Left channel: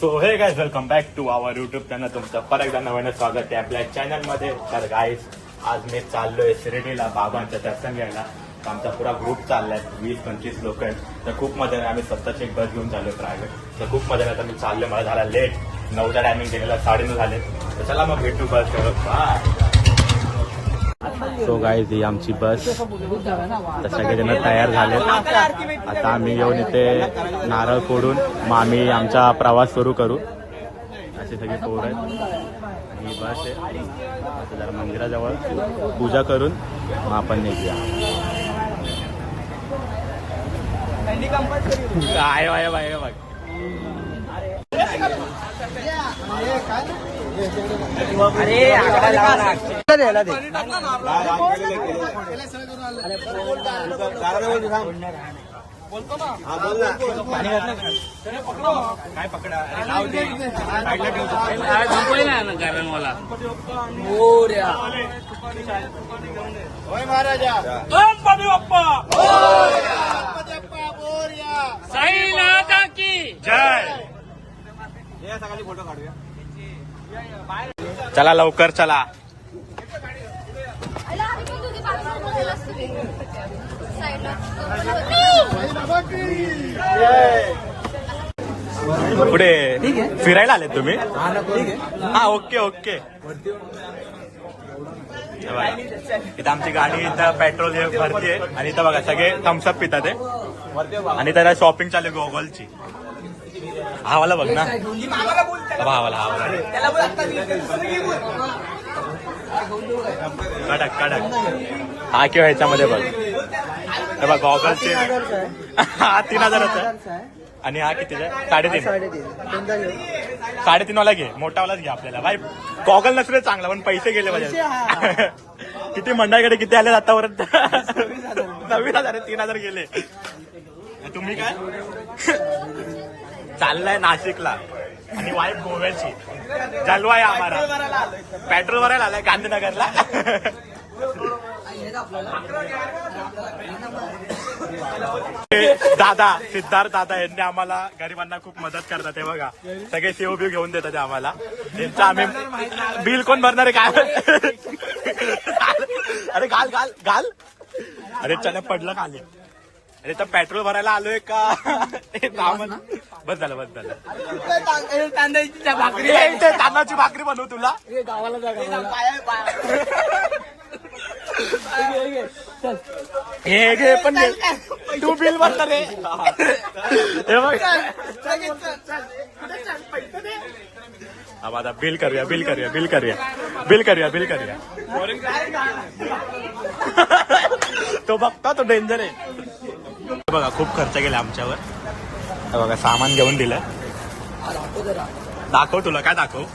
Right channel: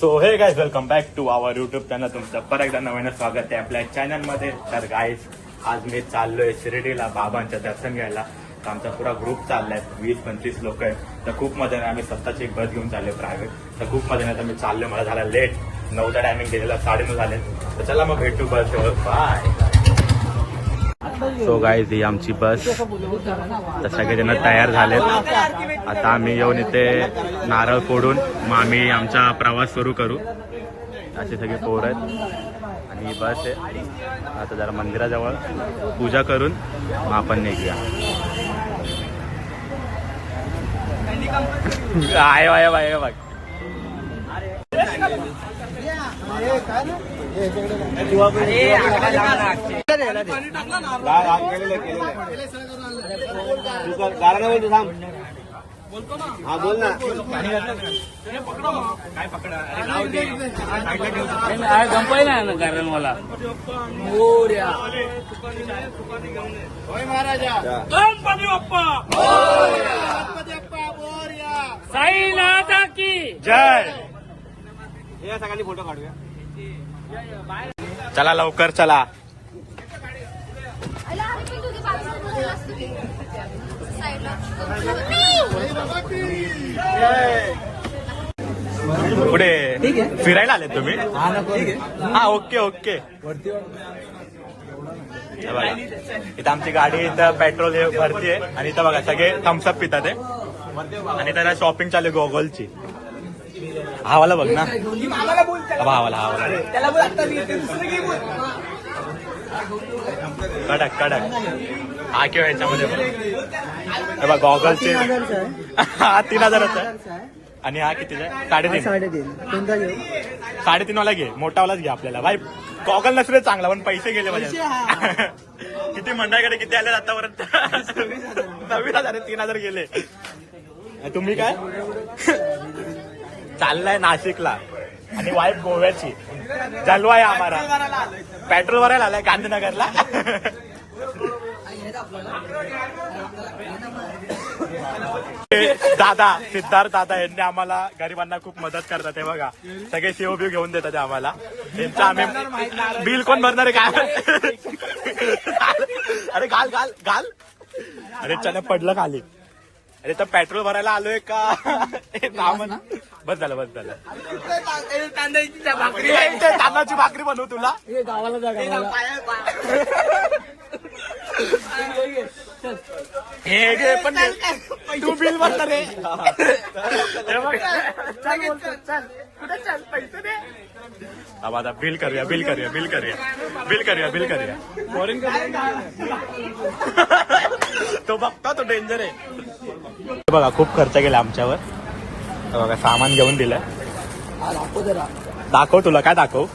So hey guys welcome back to our YouTube channel. तुमचं परत एकदा नवीन स्वागत आहे आपल्या चॅनलमध्ये. तर गाईस आज मी चाललोय शिर्डीला बाबांचं दर्शन घ्यायला. तर आमचा पुरा ग्रुप चाललाय, 20-25 लोक आहेत. तर खूप मजा आहे. आम्ही स्वतःची एक बस घेऊन चाललोय प्रायव्हेट. तर खूप मजा आहे. तर मी चाललोय, मला झाला लेट, 9चा टायमिंग दिलेला, 9:30 झाले. तर चला मग भेटू बस जवळ. बाय. सो गाईज ही आमची बस. तर सगळेजण तयार झालेत. आता आम्ही येऊन इथे नारळ फोडून मग आम्ही आमचा प्रवास सुरू करू. असे सगळे पोर आहेत आणि ही बस आहे. आता जरा मंदिराजवळ पूजा करून मग आपण निघूया. आहे बाय बाय बघ. हा बोल ना. महाराजा गणपती बाप्पा जय. सगळ्यांनी फोटो काढूया. चला लवकर चला. पुढे फिरायला आले तुम्ही? हा ओके ओके. इथं आमची गाडी इथं पेट्रोल भरतीये आणि इथं बघा सगळे थम्सअप पितात आणि त्याला शॉपिंग चालू गॉगलची. हावाला बघ ना. हावाला कडक हा किंवा ह्याच्यामध्ये बघ. हे बघ गॉगलचे हा 3000 आणि हा किती आहे? 3.5 वाला घे, मोठावालाच घे आपल्याला. भाई गॉगल नसले चांगला पण पैसे गेले माझे. किती मंडळाकडे किती आले आतापर्यंत? 9,000 3,000 गेले. तुम्ही काय चाललाय नाशिकला आणि वाईफ गोव्याची. जलवा आहे आम्हाला. पेट्रोल भरायला आलाय गांधीनगरला. दादा सिद्धार्थ दादा यांनी आम्हाला गरिबांना खूप मदत करतात. हे बघा सगळे सेव बिव घेऊन देतात आम्हाला. त्यांचं आम्ही बिल कोण भरणार आहे काय? अरे घाल. अरे चला पडलं खाली. अरे तर पेट्रोल भरायला आलोय का? बस झालं. तांदळाची भाकरी बनवू तुला. हे घे पण तू बिल भरणार रे. चल पैसे दे. आता बिल करूया. तो बघता तो डेंजर आहे. बघा खूप खर्च केला आमच्यावर. बघा सामान घेऊन दिलं. दाखव तुला काय दाखव.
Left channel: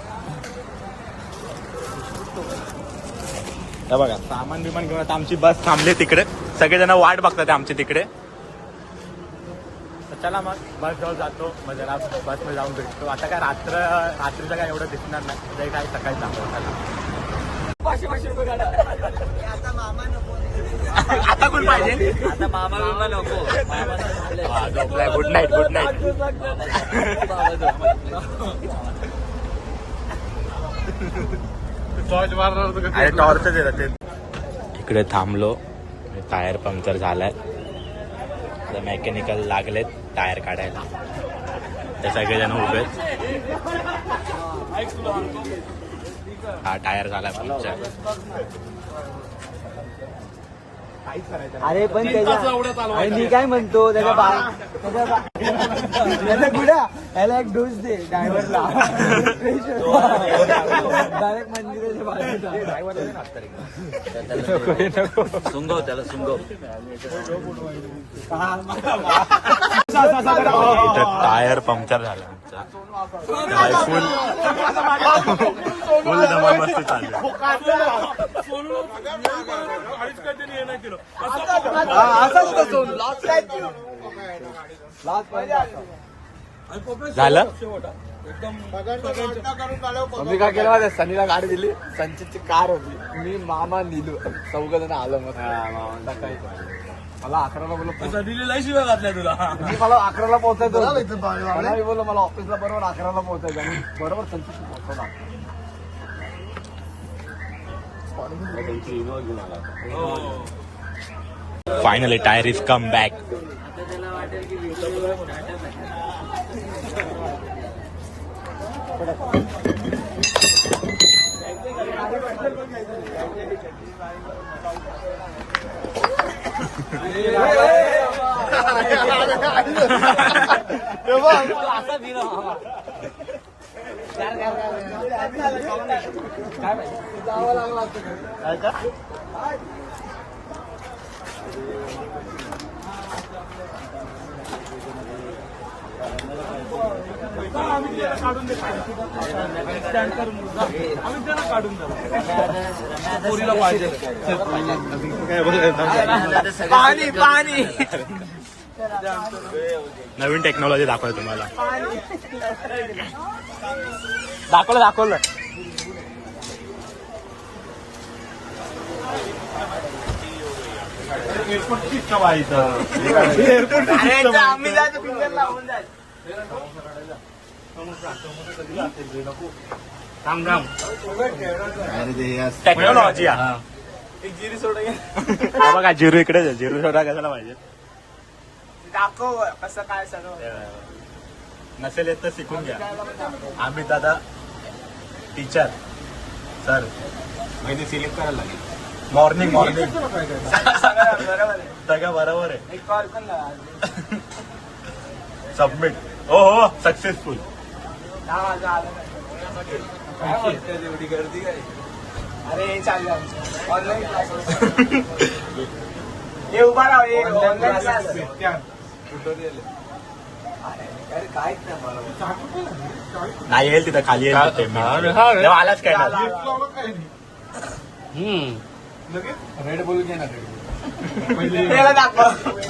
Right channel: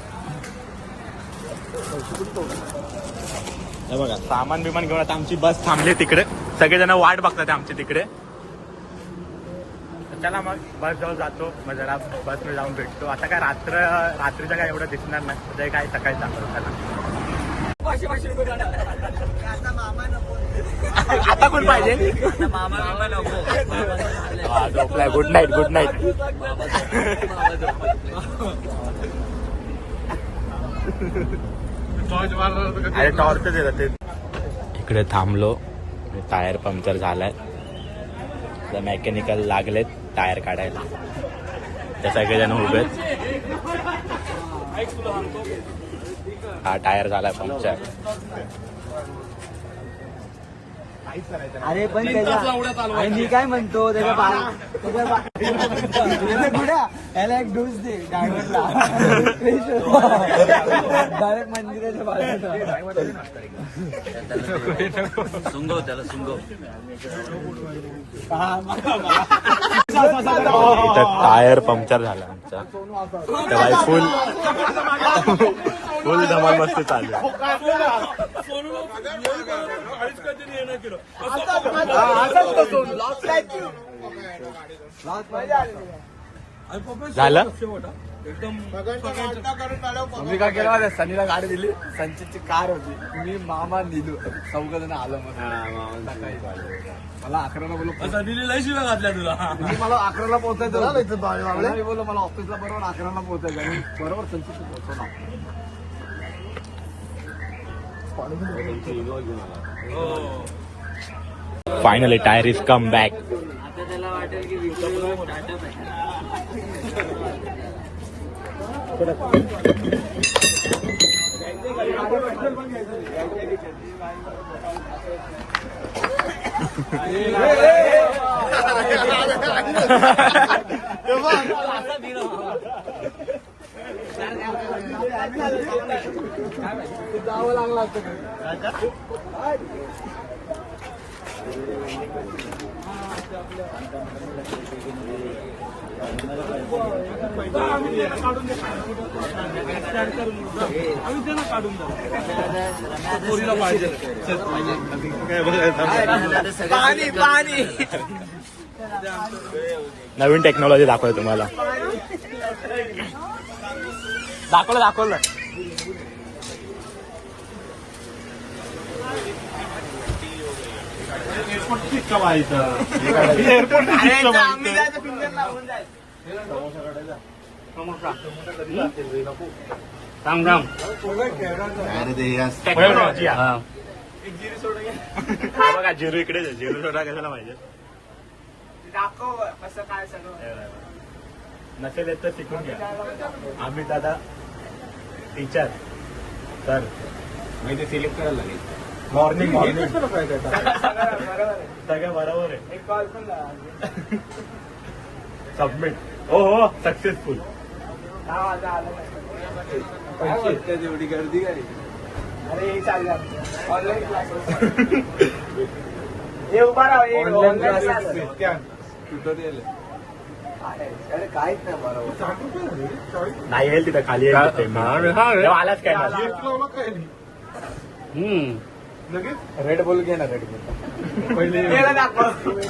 बघा सामान बिमान घेऊन आता आमची बस थांबली तिकडे. सगळेजण वाट बघतात आमची तिकडे. चला मग बस जवळ जातो. मग जरा बसमध्ये जाऊन भेटतो. आता काय रात्रीचं काय एवढं दिसणार नाही. ते काय सकाळी दाखवतो. चला आता कोण पाहिजे? झोपलाय. Good night. अरे टॉर्चच येतात ते. इकडे थांबलो. टायर पंक्चर झालाय. मेकॅनिकल लागलेत टायर काढायला. ते सगळेजण उभे आहेत. हा टायर झालाय पंक्चर. अरे पण मी काय म्हणतो त्याला गुडा याला एक डोस दे ड्रायव्हरला. डायरेक्ट मंदिराच्या बाजूला इथं टायर पंक्चर झाला आमचा. तेव्हा फुल धमाल मस्ती चालू आहे. झालं. मी काय केलं सनीला गाडी दिली. संचितची कार होती. मी मामा निलू चौघ जण आलो. मला 11ला बोललो दिलेला शिवाय घातल्या तुला मला 11ला पोहोचायचं बोललो मला ऑफिसला बरोबर 11ला पोहोचायचं बरोबर त्यांची पोहोचवणार finally tyre is come back. आता त्याला वाटेल की नवीन टेक्नॉलॉजी दाखवलं तुम्हाला. दाखवलं टेक्नॉलॉजी. बघा जिरू इकडे जिरू सोडा कशाला पाहिजे. दाखव कसं काय सगळं नसेल येत तर शिकून घ्या. आम्ही दादा टीचर सर म्हणजे सिलेक्ट करायला लागेल. मॉर्निंग सगळं बरोबर आहे. सबमिट. हो सक्सेसफुल. अरे चाललं ऑनलाईन क्लासेस हे उभा राहू ऑनलाईन क्लास नाही येईल तिथं खाली आलाच काय रेड बोल घे ना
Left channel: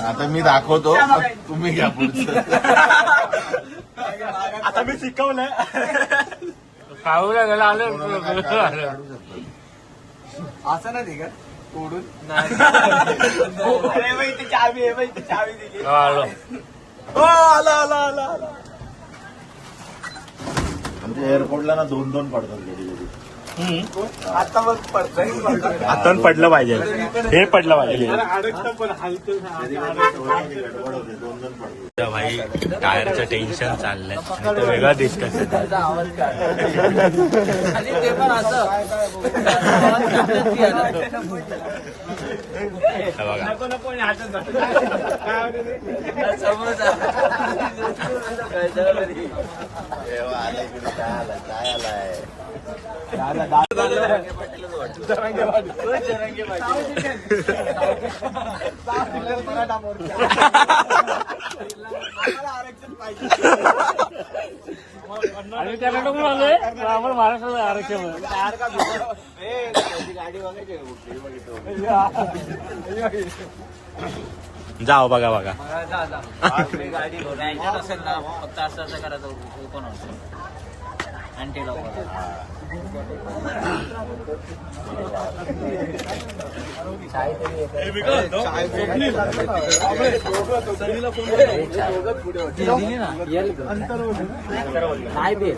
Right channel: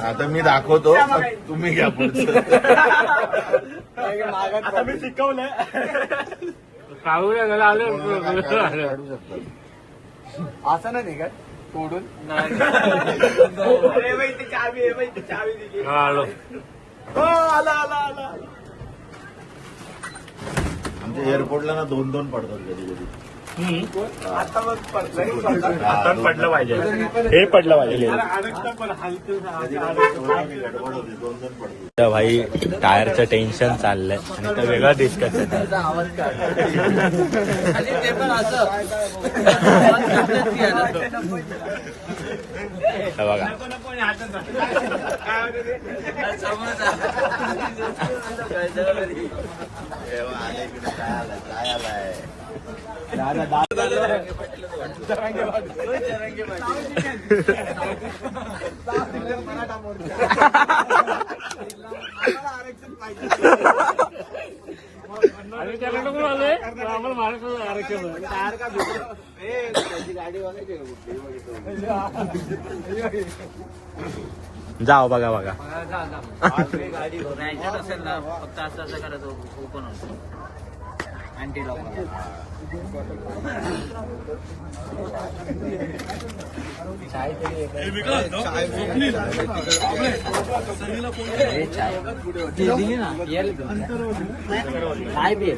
आता मी दाखवतो तुम्ही घ्या पुढचं. आता मी शिकवलंय. असं नाही का चावी आहे ती चावी दिली. आमच्या एअरपोर्टला ना 2-2 पडतात कधी कधी. आता मग पडलं आता पडलं पाहिजे. हे पडलं पाहिजे. तर भाई टायरचं टेन्शन चाललंय आणि तर वेगळं डिस्कशन. आवाज आणि ते पण असं बघा जाओ बघा काय बी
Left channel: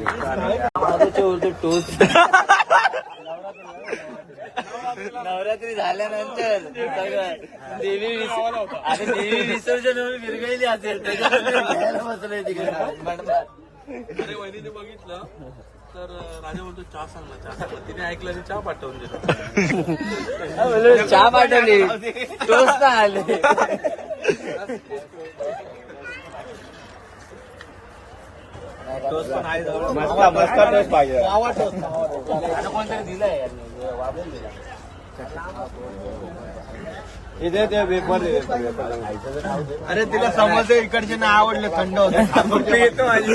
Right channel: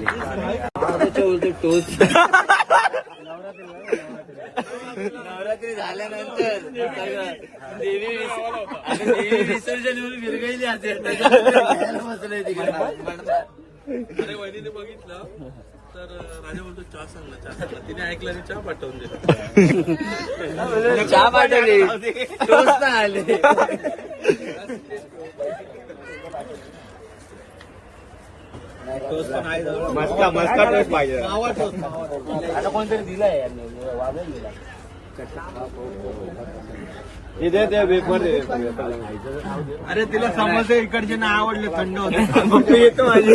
टोस्ट नवरात्री झाल्यानंतर देवी विसर्जन विरघळली असेल. अरे वहिनीने बघितलं तर राजा बोलतो चहा सांगला तिने ऐकलं आणि चहा पाठवून दिला. चहा पाठवली आले मस्त टोस्ट पाहिजे. अरे तिला समोसे इकडचे ना आवडलं थंड पप्पी येतो माझी.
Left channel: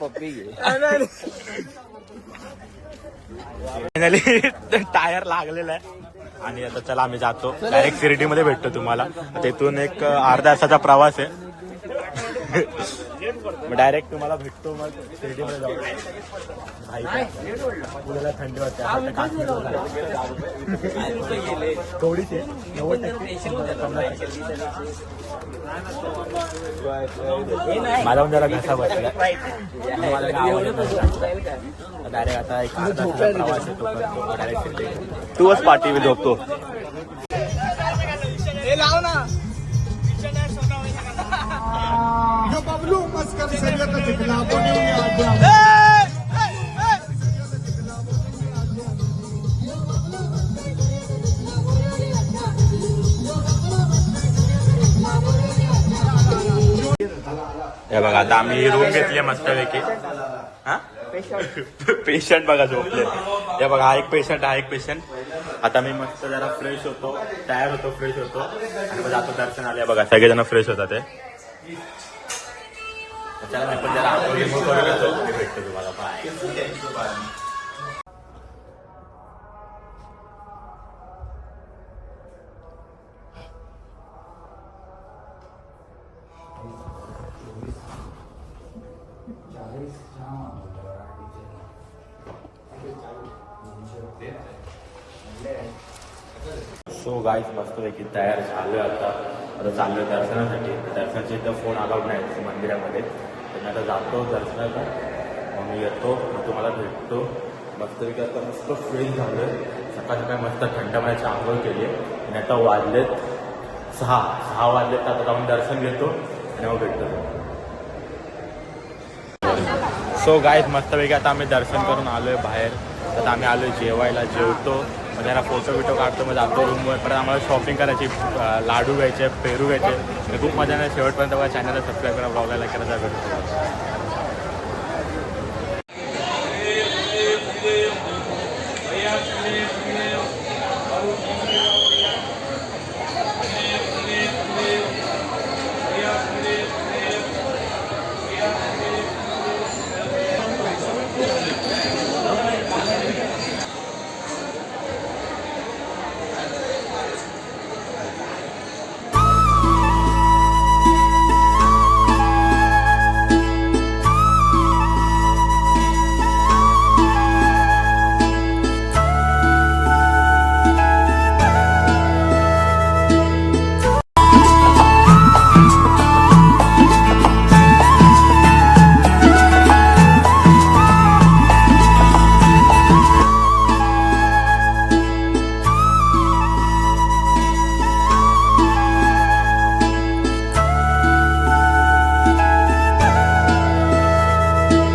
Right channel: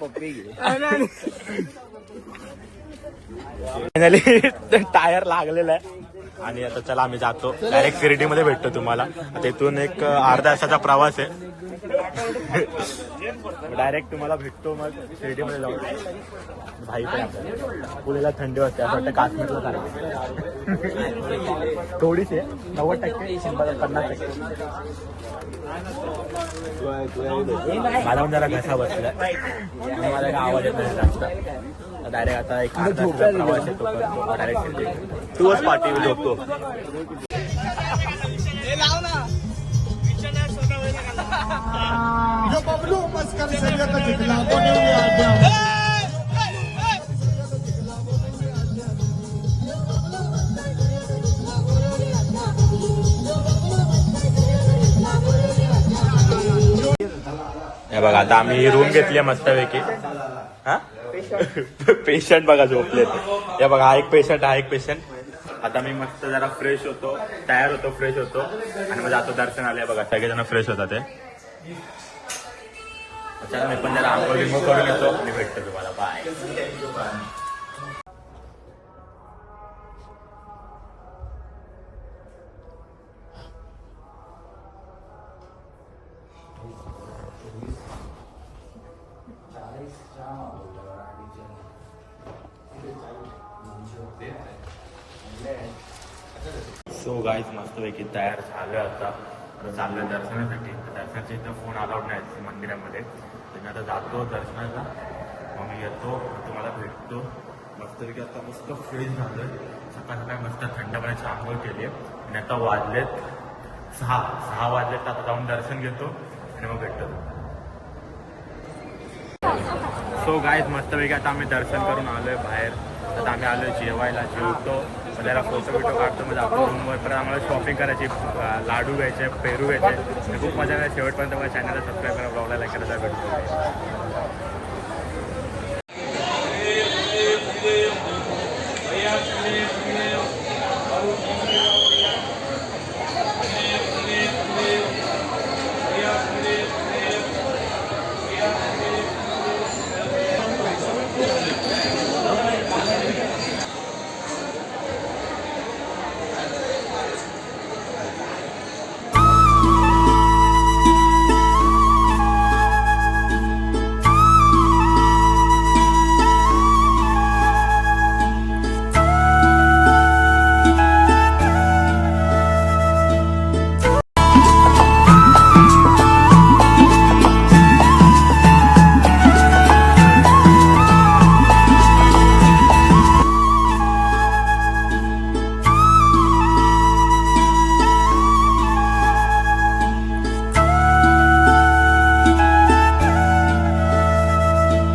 पप्पी फायनली टायर लागलेला आहे आणि आता त्याला आम्ही जातो डायरेक्ट सिरिटी मध्ये भेटतो तुम्हाला. तिथून एक अर्ध्या तासाचा प्रवास आहे. मग डायरेक्ट तुम्हाला भेटतो मग शिर्डीमध्ये जाऊन. भाई पुण्याला थंडी वाटते आपण काश्मीरला खायला. थोडीशी 90%, 50%. माझा पण जरा घसा बसलाय, मला काय आवाज येत नाही जास्त. डायरेक्ट आता एक अर्धा तासाचा प्रवास येतो करतो डायरेक्ट शिर्डी. तूच पाठी झोपतो. हे बघा आता आम्ही रूम घेतली मस्तपैकी. हा पेशंट बघा झोपलेत. हे बघा हा एक पेशंट. आता मी मस्त जरा फ्रेश होतो, तयार होतो, फ्रेश होतो आणि मग जातो दर्शनाला. बघा सगळेजण फ्रेश होतात ते. चला मी पण जरा आंघोळ बिंघोळ करून येतो आणि भेटतो तुम्हाला. बाय. सो गाईज मस्तपैकी तयार झालोय आता चाललोय दर्शनासाठी. दर्शनाच्या इथं फोन अलाउड नाही मंदिरामध्ये, तर मी आता जातो दर्शनाला. मग मी येतो, मग तुम्हाला भेटतो. मस्तपैकी आता मस्त फ्रेश झालोय. सकाळ सकाळी मस्त थंड पाण्याची आंघोळ केली आहे आणि आता वाजलेत 6 वाजलेत. तर आता जाऊन दर्शन घेतो आणि मग भेटतो. सो गाईज मस्तपैकी आता आम्ही दर्शन करून आलोय बाहेर. आता आम्ही आलोय जेवायला, जेवतो, मग जरा फोटो काढतो, मग जातो रूमवर. परत आम्हाला शॉपिंग करायची, लाडू घ्यायचे, पेरू घ्यायचे. खूप मजा नाही. शेवटपर्यंत बघा, चॅनलला सबस्क्राईब करा, ब्लॉगला लाईक करायचा. भेटू.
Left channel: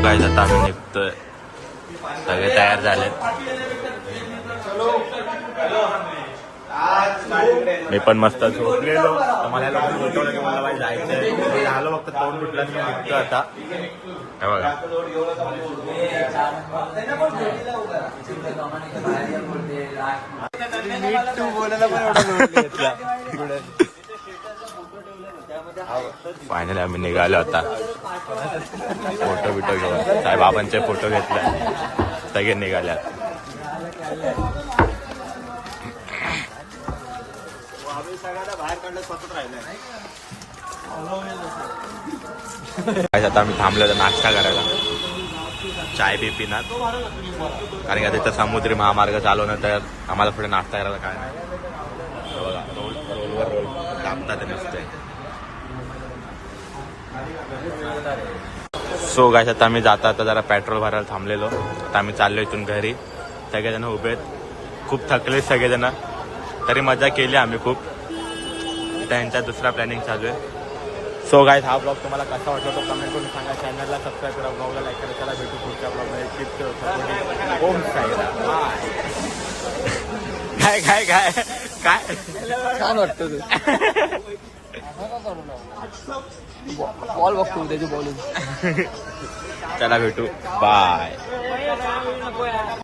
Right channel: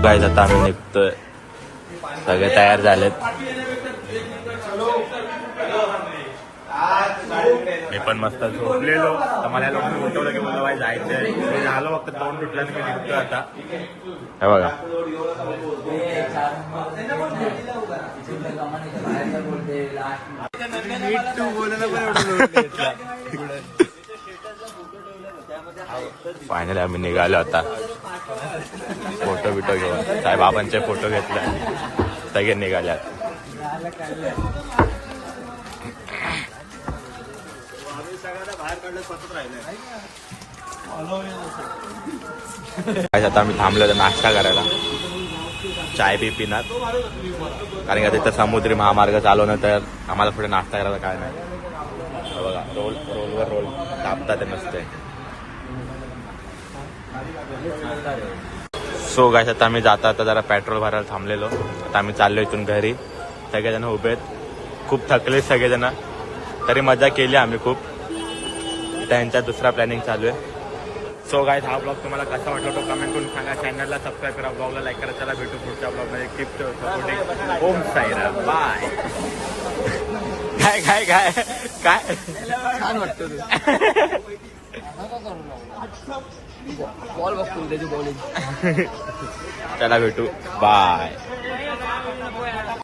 गाईज आता आम्ही निघतोय, सगळे तयार झालेत. मी पण मस्त झोपलेलो, तर मला या लोकांनी उठवलं की मला बाई जायचंय. मी आलो फक्त तोंड तुटलं आणि मी निघतोय आता. हे बघा फायनली आम्ही निघालो आता. फोटो बिटो घेऊन साईबाबांचे फोटो घेतले, सगळे निघाले. आता आम्ही थांबलो होतो नाश्ता करायला, चाय बी पिणार, कारण की तिथं समुद्री महामार्ग चालवणं, तर आम्हाला पुढे नाश्ता करायला काय नाही. तर बघा रोलवर रोल कापतात ते मस्त. सो गाईस आता आम्ही जाता जरा पेट्रोल भरायला थांबलेलो. आता आम्ही चाललो इथून घरी. सगळेजण उभे आहेत, खूप थकले सगळेजण, तरी मजा केली आम्ही खूप. त्यांचा दुसरा प्लॅनिंग चालू आहे. सो गाईस हा ब्लॉग तुम्हाला कसा वाटला तो कमेंट करून सांगा. चॅनलला सबस्क्राईब करा, ब्लॉगला लाईक करा. चला भेटू पुढच्या ब्लॉगमध्ये. Keep supporting. Om Sairam. Bye. काय काय काय काय बॉल बघतो त्याची बॉलिंग. त्याला भेटू. बाय.